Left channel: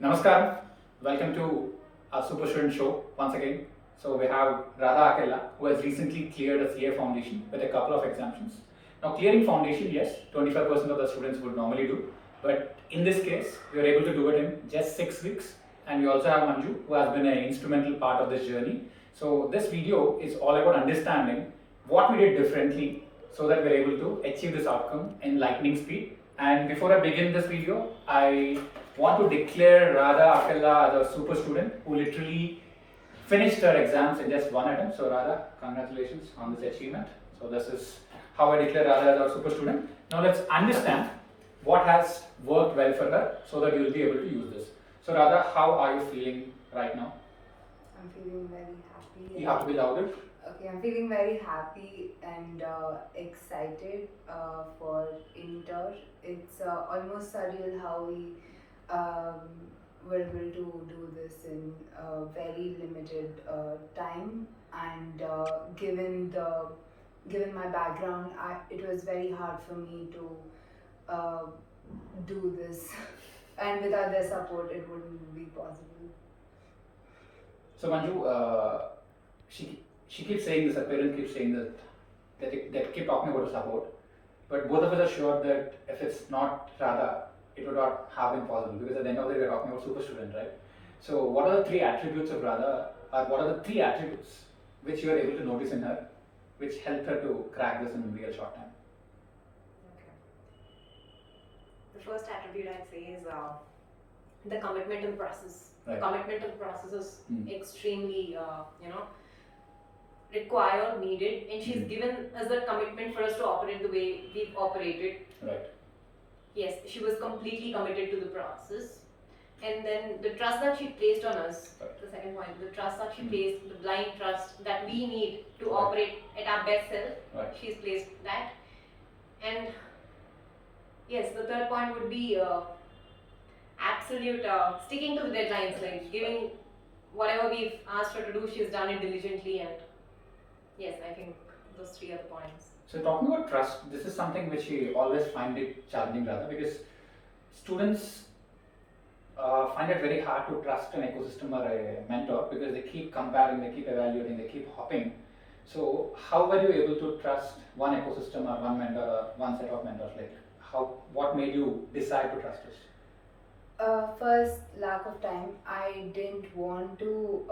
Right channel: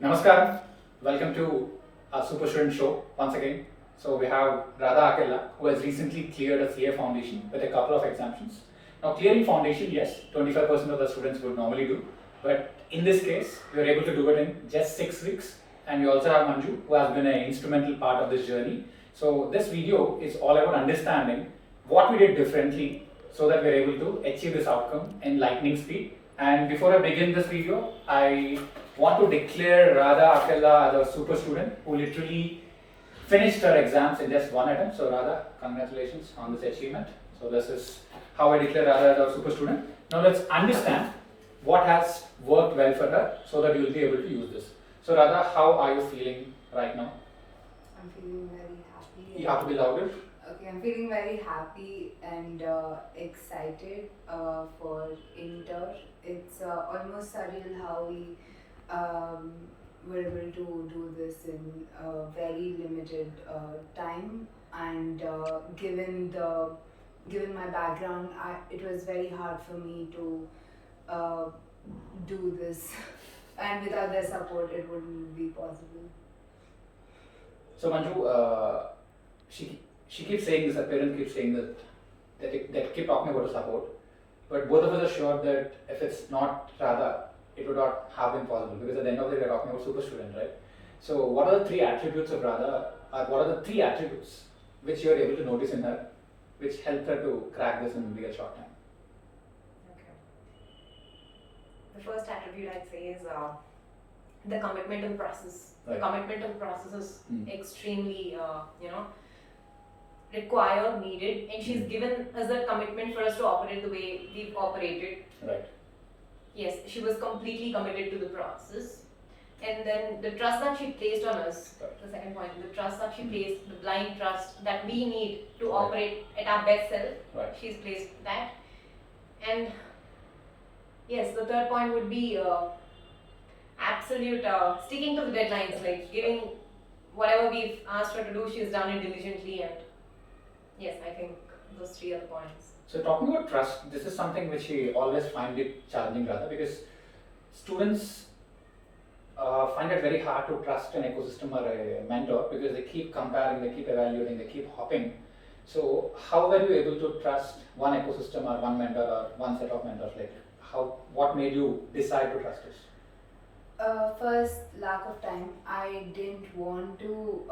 Namaskar, welcome to our Super Student Show once again. So we have Radha Akella, who has recently cleared a CA foundation with a couple of exemptions. Now clearing foundation, yes, 25% of the students would normally do, but in this case, we were able to do it in just 6 weeks. And we also have Manju, who has been an instrumental part of this journey. So this video is all about understanding what we did differently so that we're able to achieve this outcome in lightning speed. And before I begin this video, I want to declare Radha Akella as a super student who literally finished her exams in just one attempt. So Radha, congratulations on this achievement. So this is how I declare Radha as a super student. Now let's understand what has worked well for her so that you will be able to use this. So Radha, how are you feeling right now? I'm feeling very happy. You have to be louder. Okay, I'm feeling very happy and excited for Inter. It's almost surreal how we were able to do this in a very limited time. And given my background, it was very hard for me to do this. And without their support, it wouldn't be possible. So Manju, she keeps saying this, her parent keeps saying that keep talking about the support, but both of us are sure that if it's not Radha, it would not have been possible, because at the end of the day we're talking about super student, right? So what are the three attributes of Radha, or what are the three attributes which you are able to notice in her, which helped her to crack this in real short time? Okay. The first attribute I'd say is the commitment to the process. Right. The commitment to the process is extremely, required, needed, and she's given us that commitment for us to operate the way we've operated. Right. Yes, she was completely committed to the process. And then the trust that she placed on us, Right. the second point, the trust that she placed, the blind trust that we need to Right. operate at our best self, Right. she's placed that. And yes, the third point would be absolute sticking to the deadlines, like giving whatever we've asked her to do, she's done it diligently. And yes, I think those three are the points. So talking about trust, this is something which we always find it challenging, rather, because students find it very hard to trust an ecosystem or a mentor, because they keep comparing, they keep evaluating, they keep hopping. So how were you able to trust one ecosystem or one mentor or one set of mentors? Like what made you decide to trust us? First, lack of time. I didn't want to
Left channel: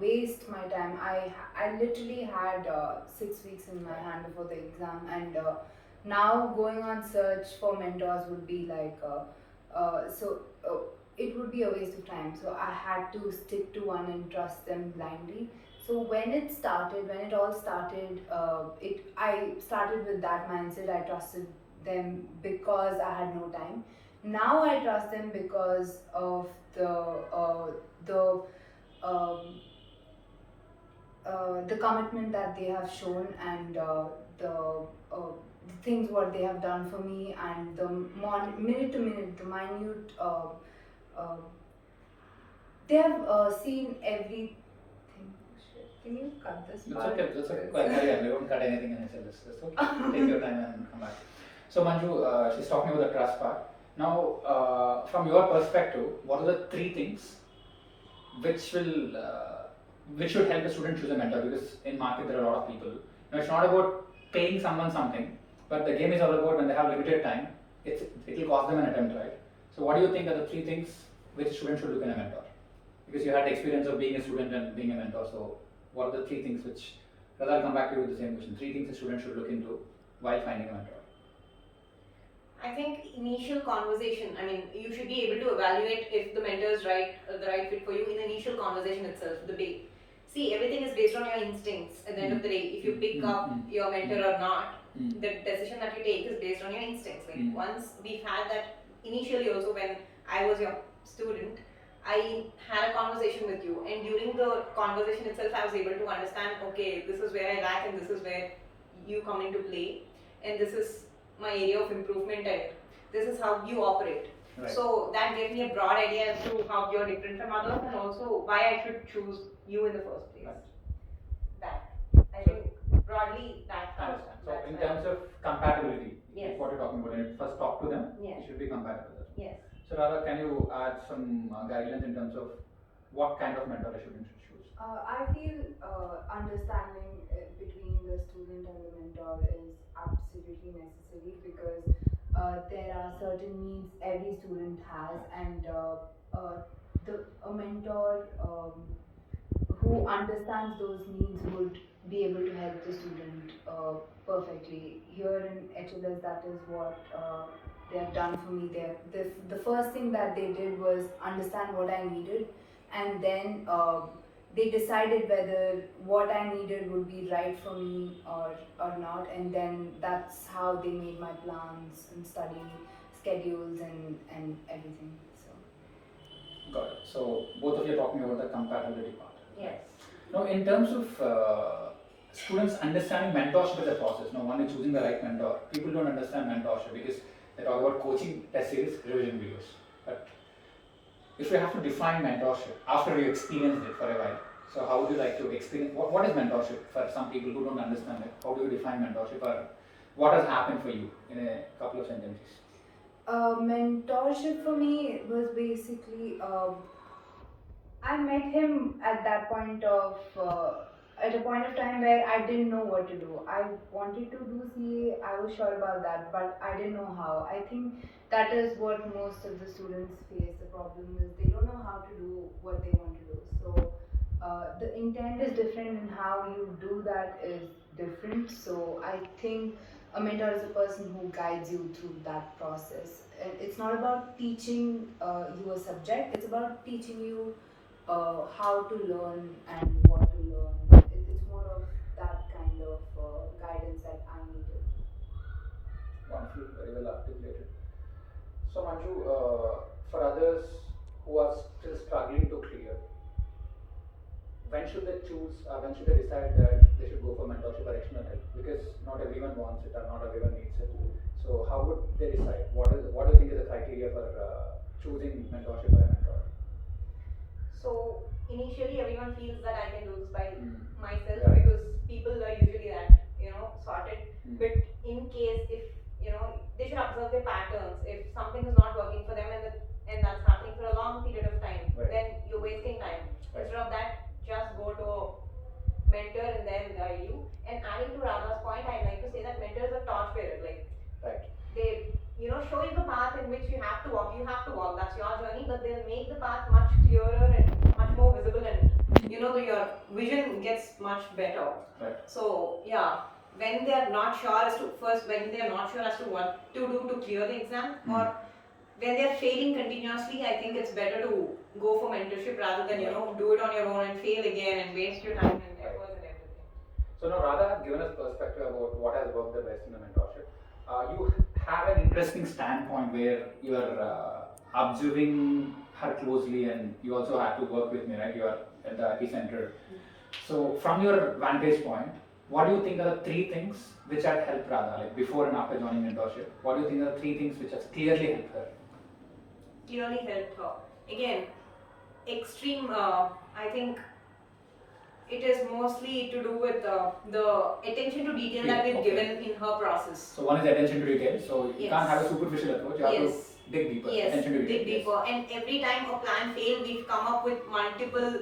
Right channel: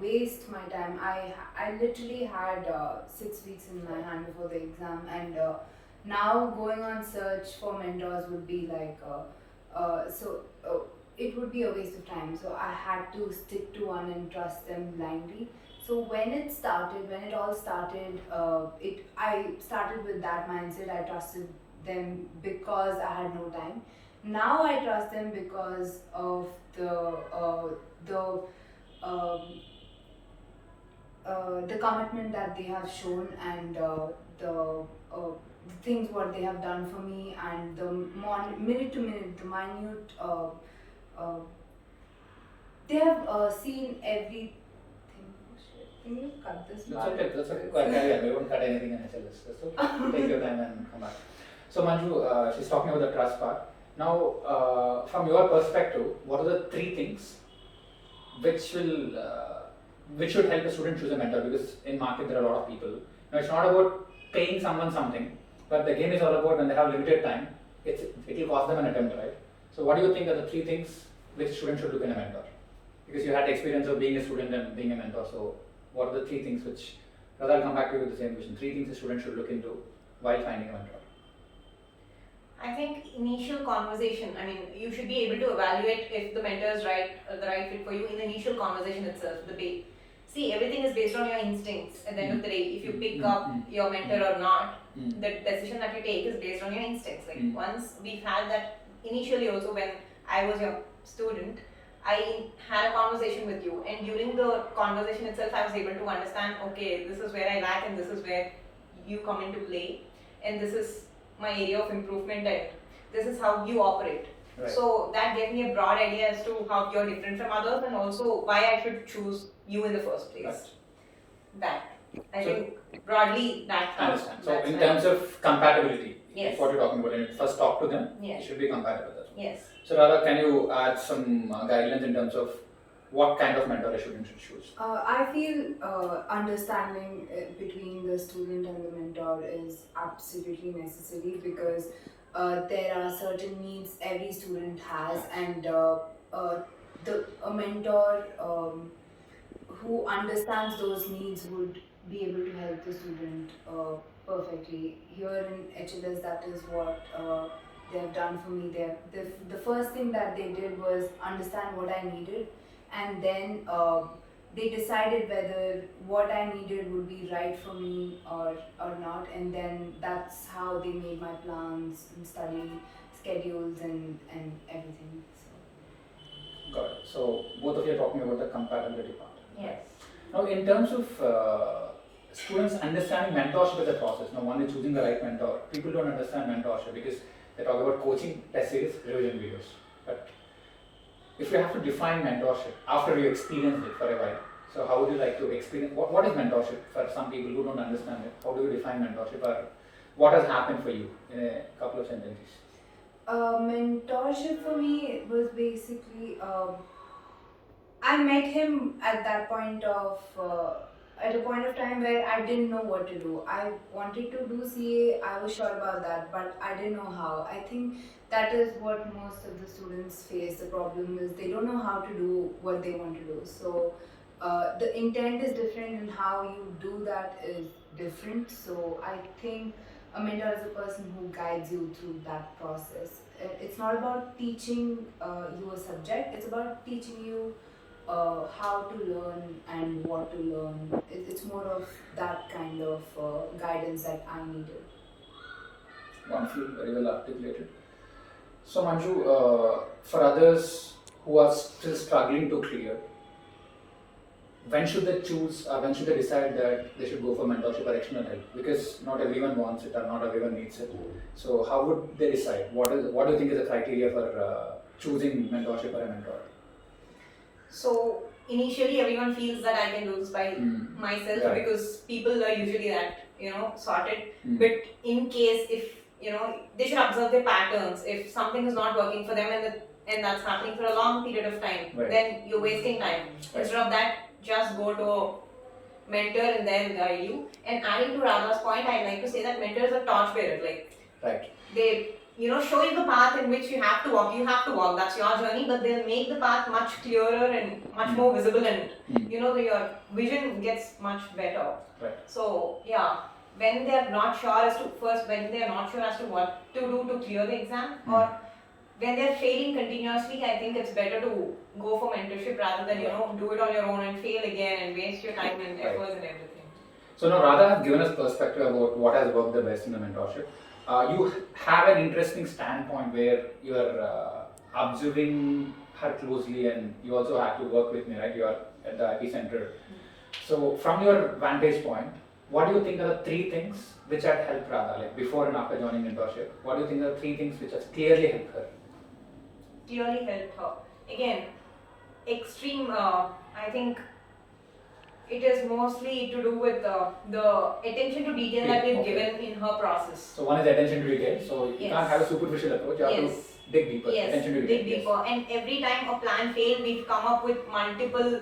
waste my time. I literally had 6 weeks in my hand before the exam, and now going on search for mentors would be like it would be a waste of time. So I had to stick to one and trust them blindly. So when it all started, I started with that mindset. I trusted them because I had no time. Now I trust them because of the commitment that they have shown, and the things what they have done for me, and the minute to minute, the minute they have seen everything. Can you cut this part? That's okay. Carry on. We won't cut anything and it's just okay. Take your time and come back. So Manju, she's talking about the trust part. Now, from your perspective, what are the three things which should help a student choose a mentor? Because in market there are a lot of people. Now it's not about paying someone something, but the game is all about when they have limited time, it will cost them an attempt, right? So what do you think are the three things which students should look in a mentor? Because you had the experience of being a student and being a mentor, so what are the three things which, rather I'll come back to you with the same question, three things a student should look into while finding a mentor? I think initial conversation, I mean, you should be able to evaluate if the mentor is the right fit for you in the initial conversation itself. See, everything is based on your instincts at the end of the day. If you pick up your mentor or not, the decision that you take is based on your instincts. Like once we've had that initially also when I was your student, I had a conversation with you, and during the conversation itself I was able to understand, okay, this is where I lack and this is where you come into play, and this is my area of improvement, and this is how you operate. Right. So that gave me a broad idea as to how you're different from others, and also why I should choose you in the first place. Right. I think broadly that. I understand. So in terms of compatibility, yes, if what you're talking about, and you first talk to them, yes, you should be compatible with them. Yes. So Radha, can you add some guidelines in terms of what kind of mentor a student should choose? I feel understanding between the student and the mentor is absolutely necessary because there are certain needs every student has, and uh, the a mentor who understands those needs would be able to help the student perfectly. Here in HLS, that is what they have done for me. The first thing that they did was understand what I needed, and then they decided whether what I needed would be right for me or not, and then that's how they made my plans and study schedules and everything. So. Got it. So both of you are talking about the compatibility part. Yes. Now, in terms of students understanding mentorship as a process, now one is choosing the right mentor. People don't understand mentorship because they talk about coaching, test series, revision videos. But if you have to define mentorship after you experienced it for a while, so how would you like to experience? What is mentorship for some people who don't understand it? How do you define mentorship, or what has happened for you in a couple of sentences? Mentorship for me was basically I met him at that point of at a point of time where I didn't know what to do. I wanted to do CA. I was sure about that, but I didn't know how. I think that is what most of the students face. The problem is they don't know how to do what they want to do. So the intent is different, and how you do that is different. So I think a mentor is a person who guides you through that process. And it's not about teaching you a subject. It's about teaching you how to learn and what to learn. It's more of that kind of guidance that I needed. Wonderful, very well articulated. So Manju, for others who are still struggling to clear, when should they choose, when should they decide that they should go for mentorship or external help? Because not everyone wants it or not everyone needs it. So how would they decide? What do you think is the criteria for choosing mentorship or a mentor? So initially everyone feels that I can do this by myself Yeah. because people are usually that, sorted. Mm. But in case if, they should observe their patterns. If something is not working for them and that's happening for a long period of time, Right. then you're wasting time. Right. Instead of that, just go to a mentor and they'll guide you. And adding to Radha's point, I'd like to say that mentors are torchbearers. Like Right. they show you the path in which you have to walk, that's your journey, but they'll make the path much clearer and much more visible, and your vision gets much better. Right. So yeah, when they're not sure as to what to do to clear the exam, or when they're failing continuously, I think it's better to go for mentorship rather than do it on your own and fail again and waste your time and efforts and everything. So now Radha has given us perspective about what has worked the best in the mentorship. You have an interesting standpoint where you are observing her closely, and you also have to work with me, right? You are at the epicenter. So from your vantage point, what do you think are the three things which had helped Radha, like before and after joining mentorship? What do you think are the three things which has clearly helped her? Clearly helped her. Again, extreme, I think it is mostly to do with the attention to detail that we've given in her process. So one is attention to detail. So you Yes. can't have a superficial approach. You have Yes. to dig deeper. Yes, Attention to detail. dig deeper. And every time a plan failed, we've come up with multiple,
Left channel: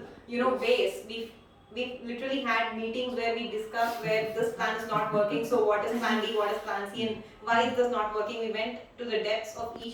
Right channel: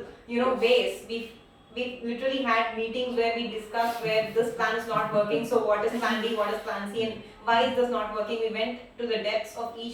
ways. We've literally had meetings where we discussed where this plan is not working. So what is plan B? What is plan C? And why is this not working? We went to the depths of each